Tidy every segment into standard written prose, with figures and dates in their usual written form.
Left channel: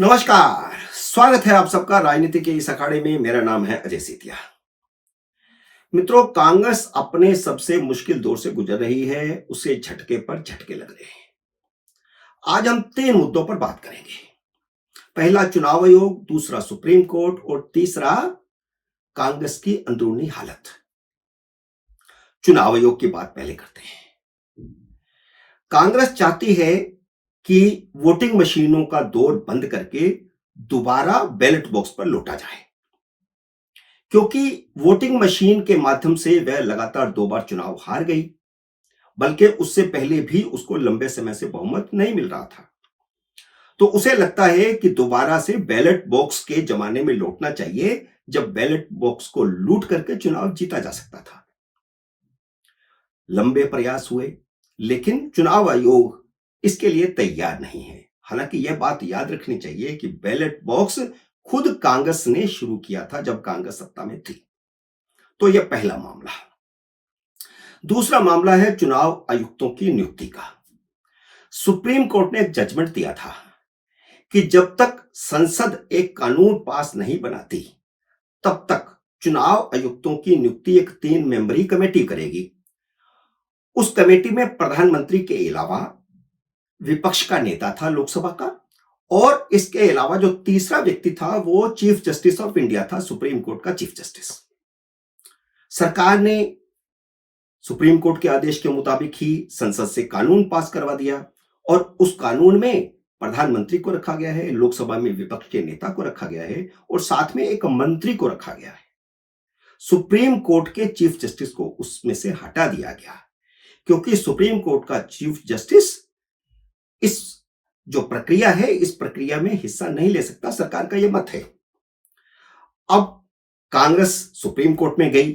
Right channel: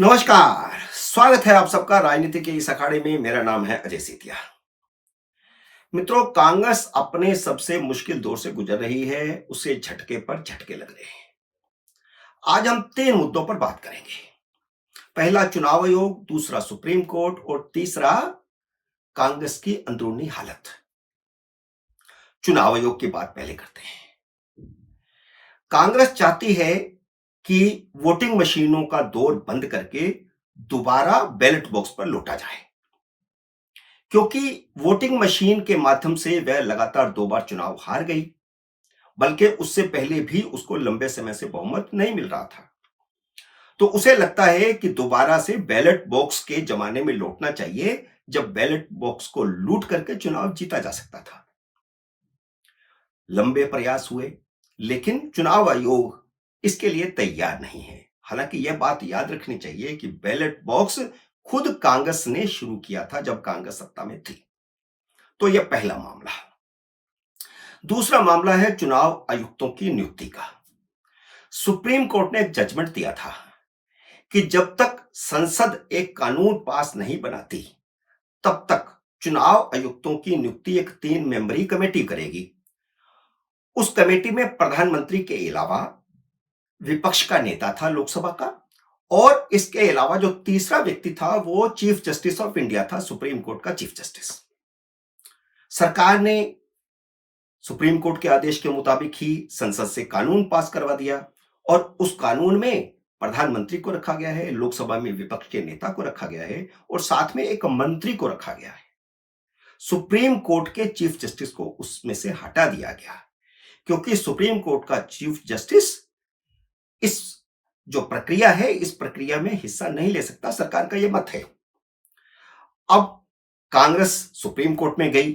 नमस्कार। स्वागत है आप सबका राजनीति के इस अखाड़े में। मेरा नाम है अजय सीतिया। मित्रों, कांग्रेस अपने सबसे मुश्किल दौर से गुजर रही है। उसे झटके पर झटके लग रहे हैं। आज हम तीन मुद्दों पर बात करेंगे। पहला चुनाव आयोग, दूसरा सुप्रीम कोर्ट और तीसरा कांग्रेस की अंदरूनी हालत। चुनाव आयोग की बात पहले करते हैं। कांग्रेस चाहती है कि वोटिंग मशीनों का दौर बंद करके दोबारा बैलेट बॉक्स पर लौटा जाए, क्योंकि वोटिंग मशीन के माध्यम से वह लगातार 2 बार चुनाव हार गई, बल्कि उससे पहले भी उसको लंबे समय से बहुमत नहीं मिल रहा था। तो उसे लगता है कि दोबारा से बैलेट बॉक्स के जमाने में लौटना चाहिए, जब बैलेट बॉक्स को लूट करके चुनाव जीता जा सकता था। लंबे प्रयास हुए, लेकिन चुनाव आयोग इसके लिए तैयार नहीं है। हालांकि यह बात याद रखनी चाहिए कि बैलेट बॉक्स खुद कांग्रेस ने शुरू किया था जब कांग्रेस सत्ता में थी। तो यह पहला मामला। दूसरा मामला है चुनाव आयुक्तों की नियुक्ति का। सुप्रीम कोर्ट ने एक जजमेंट दिया था कि जब तक संसद एक कानून पास नहीं बनाती, तब तक चुनाव आयुक्तों की नियुक्ति एक 3 मेंबरी कमेटी करेगी। उस कमेटी में प्रधानमंत्री के अलावा विपक्ष का नेता था लोकसभा का, और इसके अलावा जो तीसरा व्यक्ति था वो चीफ जस्टिस ऑफ इंडिया था, सुप्रीम कोर्ट का चीफ जस्टिस। सरकार ने सुप्रीम कोर्ट के आदेश के मुताबिक ही संसद से कानून पास करवा दिया, और उस कानून में प्रधानमंत्री को रखा गया है, लोकसभा में विपक्ष के नेता को रखा गया है, और साथ में एक मंत्री को रखा गया है। सुप्रीम कोर्ट के चीफ जस्टिस को उसमें से हटा दिया गया, क्योंकि सुप्रीम कोर्ट का चीफ जस्टिस इस जो प्रक्रिया है, इस प्रक्रिया में हिस्सा नहीं ले सकता। सरकार का यह मत है। अब कांग्रेस सुप्रीम कोर्ट में गई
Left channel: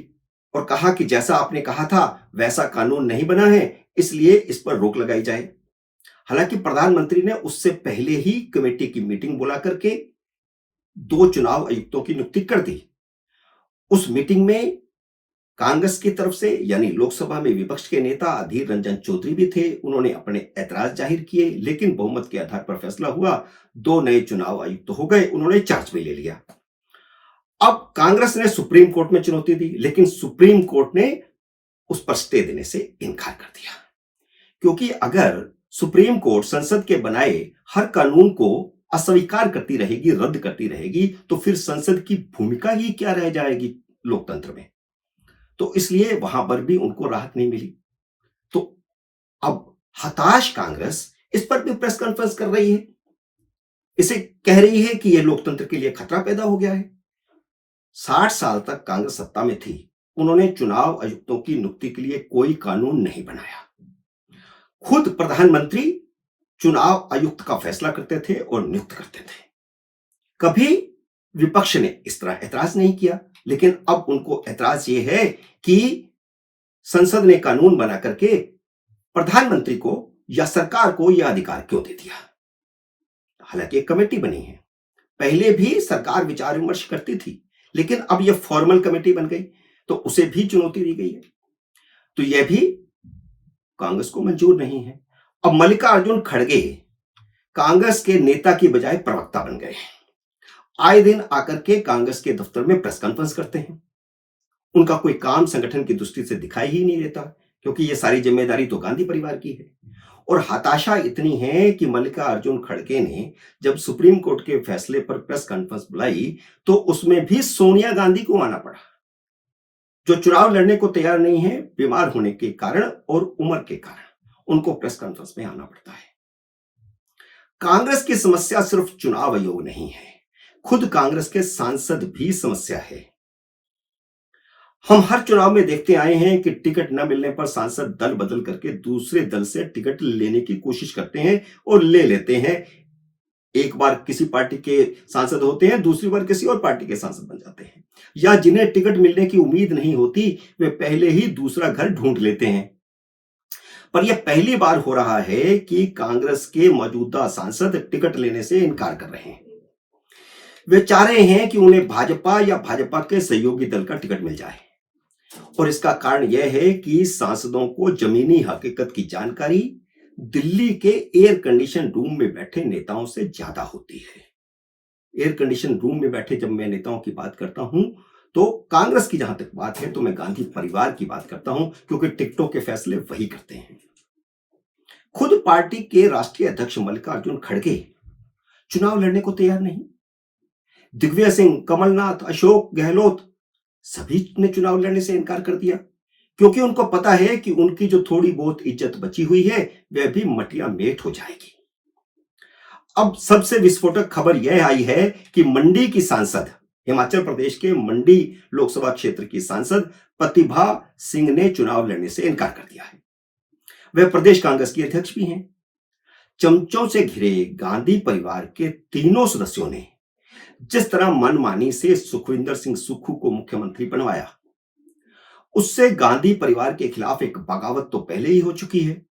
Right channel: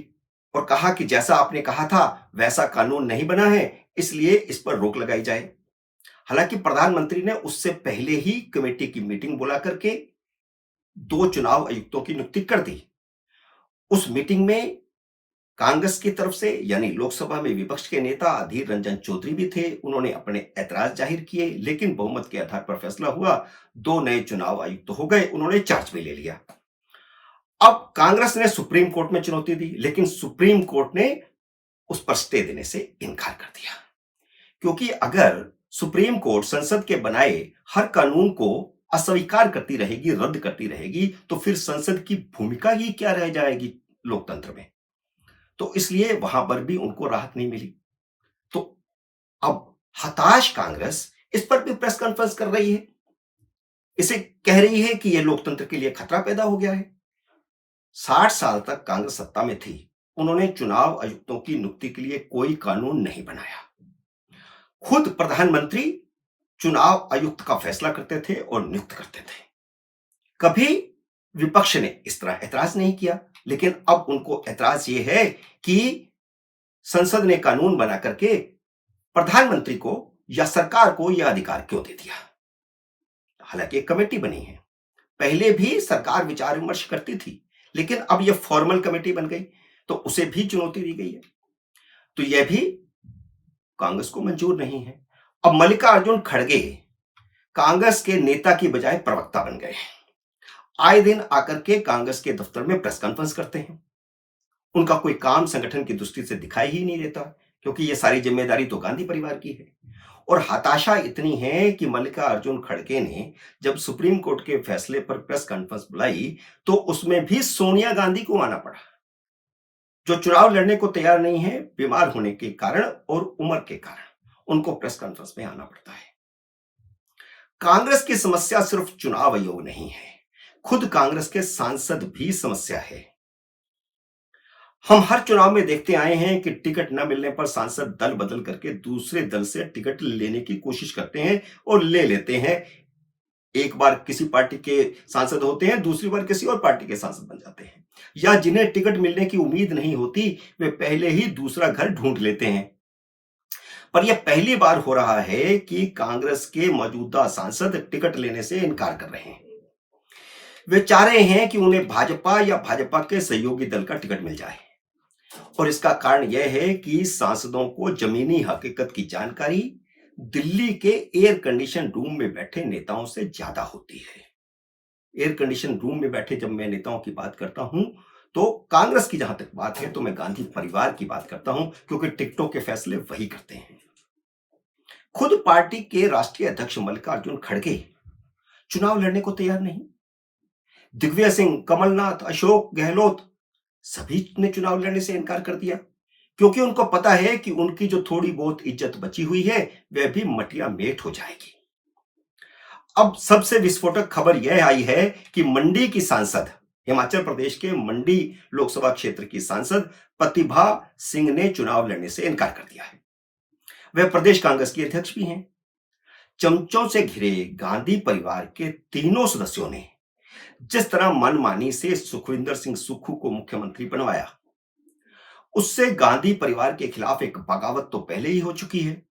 और कहा कि जैसा आपने कहा था वैसा कानून नहीं बना है, इसलिए इस पर रोक लगाई जाए। हालांकि प्रधानमंत्री ने उससे पहले ही कमेटी की मीटिंग बुला करके 2 चुनाव आयुक्तों की नियुक्ति कर दी। उस मीटिंग में कांग्रेस की तरफ से, यानी लोकसभा में विपक्ष के नेता अधीर रंजन चौधरी भी थे। उन्होंने अपने ऐतराज जाहिर किए, लेकिन बहुमत के आधार पर फैसला हुआ। 2 नए चुनाव आयुक्त हो गए, उन्होंने चार्ज भी ले लिया। अब कांग्रेस ने सुप्रीम कोर्ट में चुनौती दी, लेकिन सुप्रीम कोर्ट ने उस पर स्टे देने से इनकार कर दिया, क्योंकि अगर सुप्रीम कोर्ट संसद के बनाए हर कानून को अस्वीकार करती रहेगी, रद्द करती रहेगी, तो फिर संसद की भूमिका ही क्या रह जाएगी लोकतंत्र में। तो इसलिए वहां पर भी उनको राहत नहीं मिली। तो अब हताश कांग्रेस इस पर भी प्रेस कॉन्फ्रेंस कर रही है। इसे कह रही है कि यह लोकतंत्र के लिए खतरा पैदा हो गया है। 60 साल तक कांग्रेस सत्ता में थी, उन्होंने चुनाव आयुक्तों की नियुक्ति के लिए कोई कानून नहीं बनाया। खुद प्रधानमंत्री चुनाव आयुक्त का फैसला करते थे और नियुक्त करते थे। कभी विपक्ष ने इस तरह ऐतराज नहीं किया, लेकिन अब उनको ऐतराज ये है कि संसद ने कानून बना करके प्रधानमंत्री को या सरकार को यह अधिकार क्यों दे दिया। हालांकि एक कमेटी बनी है, पहले भी सरकार विचार विमर्श करती थी, लेकिन अब यह फॉर्मल कमेटी बन गई, तो उसे भी चुनौती दी गई है। तो यह भी कांग्रेस को मंजूर नहीं है। अब मल्लिकार्जुन खड़गे कांग्रेस के नेता की बजाय प्रवक्ता बन गए। आए दिन आकर के कांग्रेस के दफ्तर में प्रेस कॉन्फ्रेंस करते हैं। उनका कोई काम संगठन की दृष्टि से दिखाई ही नहीं देता, क्योंकि यह सारी जिम्मेदारी तो गांधी परिवार की है। और हताशा इतनी है कि मल्लिकार्जुन खड़गे ने जब सुप्रीम कोर्ट के फैसले पर प्रेस कॉन्फ्रेंस बुलाई, तो उसमें भी सोनिया गांधी को आना पड़ा, जो चुनाव लड़ने को तैयार नहीं है। बीमार होने के कारण और उम्र के कारण उनको प्रेस कॉन्फ्रेंस में आना पड़ता है। कांग्रेस की समस्या सिर्फ चुनाव आयोग नहीं है, खुद कांग्रेस के सांसद भी समस्या है। हम हर चुनाव में देखते आए हैं कि टिकट न मिलने पर सांसद दल बदल करके दूसरे दल से टिकट लेने की कोशिश करते हैं और ले लेते हैं। एक बार किसी पार्टी के सांसद होते हैं, दूसरी बार किसी और पार्टी के सांसद बन जाते हैं, या जिन्हें टिकट मिलने की उम्मीद नहीं होती वे पहले ही दूसरा घर ढूंढ लेते हैं। पर यह पहली बार हो रहा है कि कांग्रेस के मौजूदा सांसद टिकट लेने से इनकार कर रहे हैं। वे चाह रहे हैं कि उन्हें भाजपा या भाजपा के सहयोगी दल का टिकट मिल जाए, और इसका कारण यह है कि सांसदों को जमीनी हकीकत की जानकारी दिल्ली के एयर कंडीशन रूम में बैठे नेताओं से ज्यादा होती है। एयर कंडीशन रूम में बैठे जब मैं नेताओं की बात करता हूं, तो कांग्रेस की जहां तक बात है तो मैं गांधी परिवार की बात करता हूं, क्योंकि टिकटों के फैसले वही करते हैं। खुद पार्टी के राष्ट्रीय अध्यक्ष मल्लिकार्जुन खड़गे चुनाव लड़ने को तैयार नहीं। दिग्विजय सिंह, कमलनाथ, अशोक गहलोत सभी ने चुनाव लड़ने से इनकार कर दिया, क्योंकि उनको पता है कि उनकी जो थोड़ी बहुत इज्जत बची हुई है वह भी मटिया मेट हो जाएगी। अब सबसे विस्फोटक खबर यह आई है कि मंडी की सांसद, हिमाचल प्रदेश के मंडी लोकसभा क्षेत्र की सांसद प्रतिभा सिंह ने चुनाव लड़ने से इनकार कर दिया है। वह प्रदेश कांग्रेस की अध्यक्ष भी हैं। चमचों से घिरे गांधी परिवार के तीनों सदस्यों ने जिस तरह मनमानी से सुखविंदर सिंह सुक्खू को मुख्यमंत्री बनवाया, उससे गांधी परिवार के खिलाफ एक बगावत तो पहले ही हो चुकी है,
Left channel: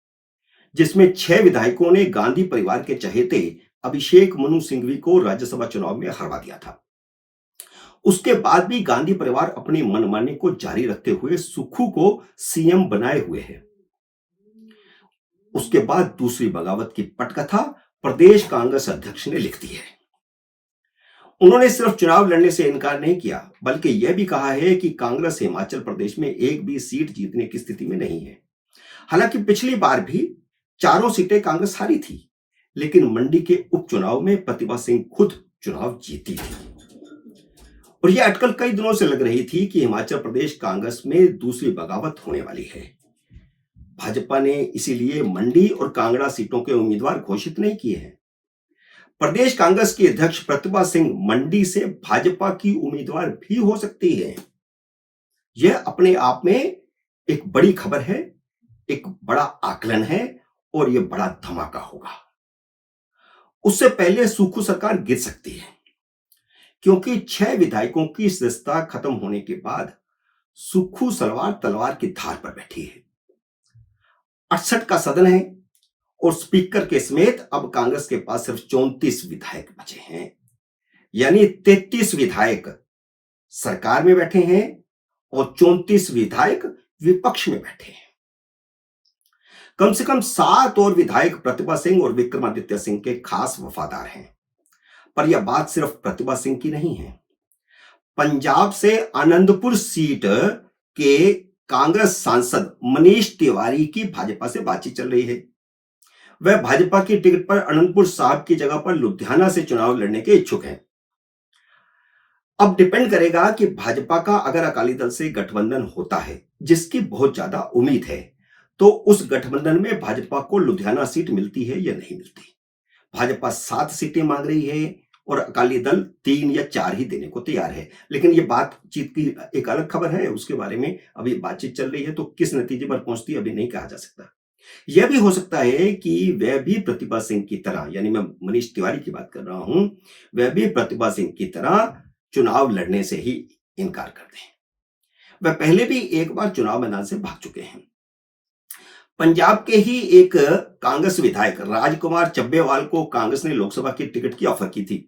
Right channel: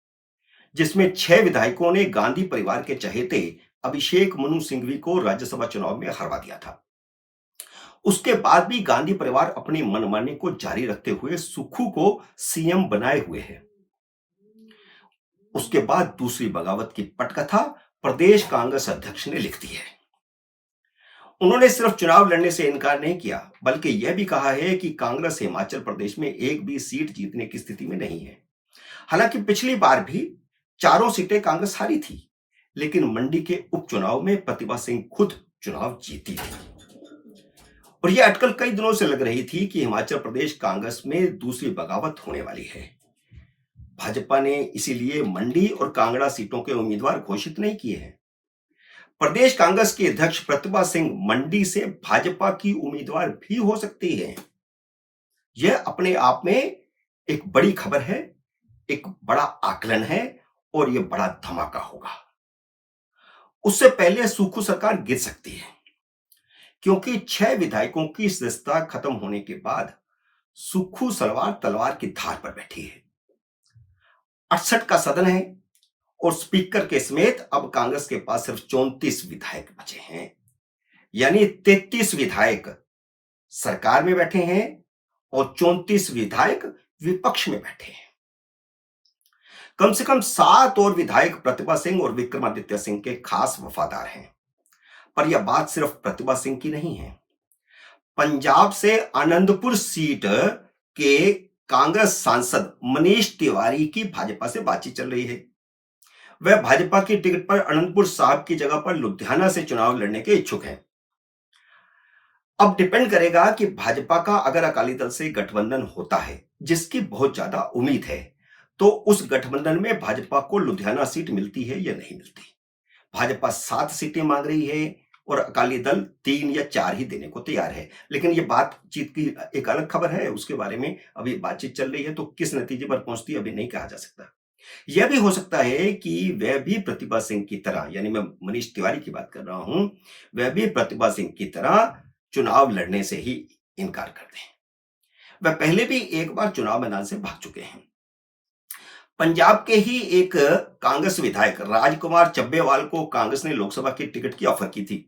जिसमें 6 विधायकों ने गांधी परिवार के चहेते अभिषेक मनु सिंघवी को राज्यसभा चुनाव में हरवा दिया था। उसके बाद भी गांधी परिवार अपनी मनमानी को जारी रखते हुए सुक्खू को सीएम बनाए हुए है। उसके बाद दूसरी बगावत की पटकथा प्रदेश कांग्रेस अध्यक्ष ने लिख दी है। उन्होंने सिर्फ चुनाव लड़ने से इनकार नहीं किया, बल्कि यह भी कहा है कि कांग्रेस हिमाचल प्रदेश में एक भी सीट जीतने की स्थिति में नहीं है। हालांकि पिछली बार भी 4 सीटें कांग्रेस हारी थी, लेकिन मंडी के उपचुनाव में प्रतिभा सिंह खुद चुनाव जीती थी। और यह अटकल कई दिनों से लग रही थी कि हिमाचल प्रदेश कांग्रेस में दूसरी बगावत होने वाली है। भाजपा ने इसीलिए मंडी और कांगड़ा सीटों के उम्मीदवार घोषित नहीं किए हैं। प्रदेश कांग्रेस की अध्यक्ष प्रतिभा सिंह मंडी से भाजपा की उम्मीदवार भी हो सकती है। यह अपने आप में एक बड़ी खबर है, एक बड़ा आकलन है और यह बड़ा धमाका होगा। उससे पहले सुक्खू सरकार गिर सकती है, क्योंकि 6 विधायकों की सदस्यता खत्म होने के बाद सुक्खू सलवार तलवार की धार पर बैठी है। 68 का सदन है और स्पीकर के समेत अब कांग्रेस के पास सिर्फ 34 विधायक बचे हैं, यानी 33 विधायक सरकार में बैठे हैं और 34 विधायक विपक्ष में बैठे हैं। कम से कम 7 और विधायक प्रतिभा सिंह और विक्रमादित्य सिंह के खास वफादार हैं। पर यह बात सिर्फ प्रतिभा सिंह की नहीं है। पंजाब से आनंदपुर सीट के कांग्रेस सांसद मनीष तिवारी की भाजपा से बातचीत चल रही है। वह भाजपा की टिकट पर अनंतपुर साहब की जगह पर लुधियाना से चुनाव लड़ने के इच्छुक हैं। अब डिपेंड करेगा कि भाजपा का अगर अकाली दल से गठबंधन होता है, जिसकी बहुत ज्यादा उम्मीद है, तो उस गठबंधन में भाजपा को लुधियाना सीट मिलती है या नहीं मिलती। भाजपा 7 सीटें मांग रही है और अकाली दल 3 या 4 ही देने को तैयार है। लेकिन यह बातचीत की एक अलग खबर है, उसके बारे में अभी बातचीत चल रही है, तो किस नतीजे पर पहुंचती है अभी नहीं कहा जा सकता। यह भी हो सकता है कि वह भी प्रतिभा सिंह की तरह, यानी मैं मनीष तिवारी की बात कर रहा हूं, वह भी प्रतिभा सिंह की तरह चुनाव लड़ने से ही इनकार कर दें। वह पहले भी एक बार चुनाव मैदान से भाग चुके हैं। पंजाब के ही एक कांग्रेस विधायक राजकुमार चब्बेवाल को कांग्रेस ने लोकसभा की टिकट की ऑफर की थी,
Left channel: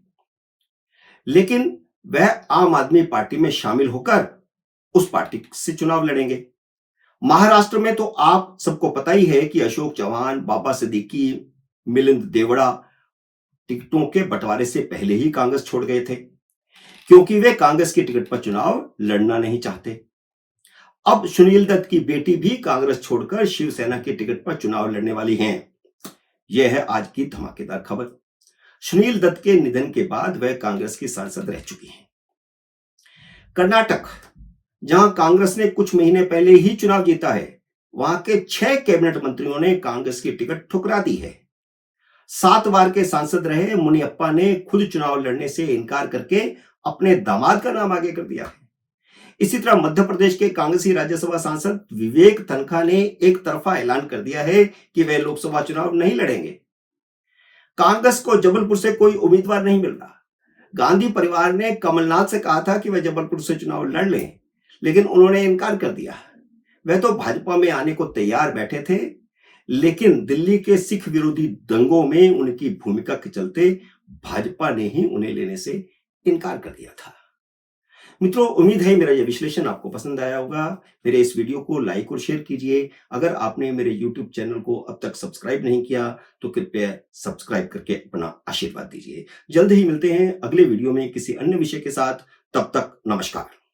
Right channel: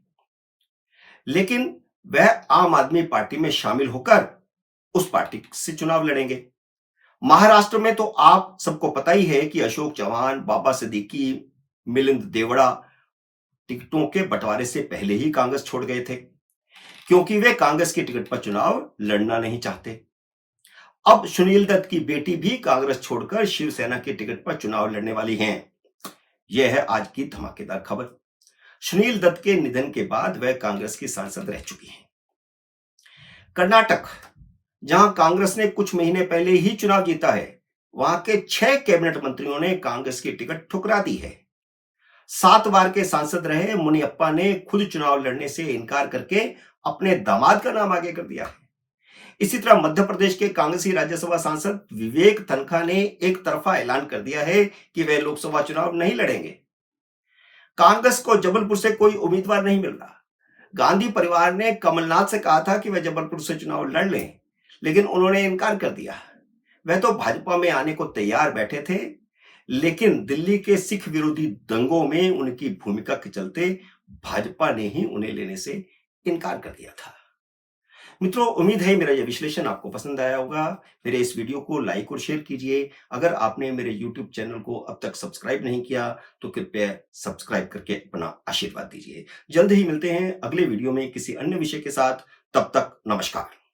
लेकिन वह आम आदमी पार्टी में शामिल होकर उस पार्टी से चुनाव लड़ेंगे। महाराष्ट्र में तो आप सबको पता ही है कि अशोक चौहान, बाबा सिद्दीकी, मिलिंद देवड़ा टिकटों के बंटवारे से पहले ही कांग्रेस छोड़ गए थे, क्योंकि वे कांग्रेस की टिकट पर चुनाव लड़ना नहीं चाहते। अब सुनील दत्त की बेटी भी कांग्रेस छोड़कर शिवसेना की टिकट पर चुनाव लड़ने वाली हैं। यह है आज की धमाकेदार खबर। सुनील दत्त के निधन के बाद वह कांग्रेस की सांसद रह चुकी हैं। कर्नाटक, जहां कांग्रेस ने कुछ महीने पहले ही चुनाव जीता है, वहां के 6 कैबिनेट मंत्रियों ने कांग्रेस की टिकट ठुकरा दी है। 7 बार के सांसद रहे मुनियप्पा ने खुद चुनाव लड़ने से इनकार करके अपने दामाद का नाम आगे कर दिया है। इसी तरह मध्य प्रदेश के कांग्रेसी राज्यसभा सांसद विवेक तनखा ने एक तरफा ऐलान कर दिया है कि वह लोकसभा चुनाव नहीं लड़ेंगे। कांग्रेस को जबलपुर से कोई उम्मीदवार नहीं मिल रहा। गांधी परिवार ने कमलनाथ से कहा था कि वह जबलपुर से चुनाव लड़ लें, लेकिन उन्होंने इनकार कर दिया। वह तो भाजपा में आने को तैयार बैठे थे, लेकिन दिल्ली के सिख विरोधी दंगों में उनकी भूमिका के चलते भाजपा ने ही उन्हें लेने से इनकार कर दिया था। मित्रों, उम्मीद है मेरा ये विश्लेषण आपको पसंद आया होगा। मेरे इस वीडियो को लाइक और शेयर कीजिए। अगर आपने मेरे यूट्यूब चैनल को अब तक सब्सक्राइब नहीं किया, तो कृपया सब्सक्राइब करके अपना आशीर्वाद दीजिए। जल्द ही मिलते हैं अगले वीडियो में किसी अन्य विषय के साथ। तब तक नमस्कार।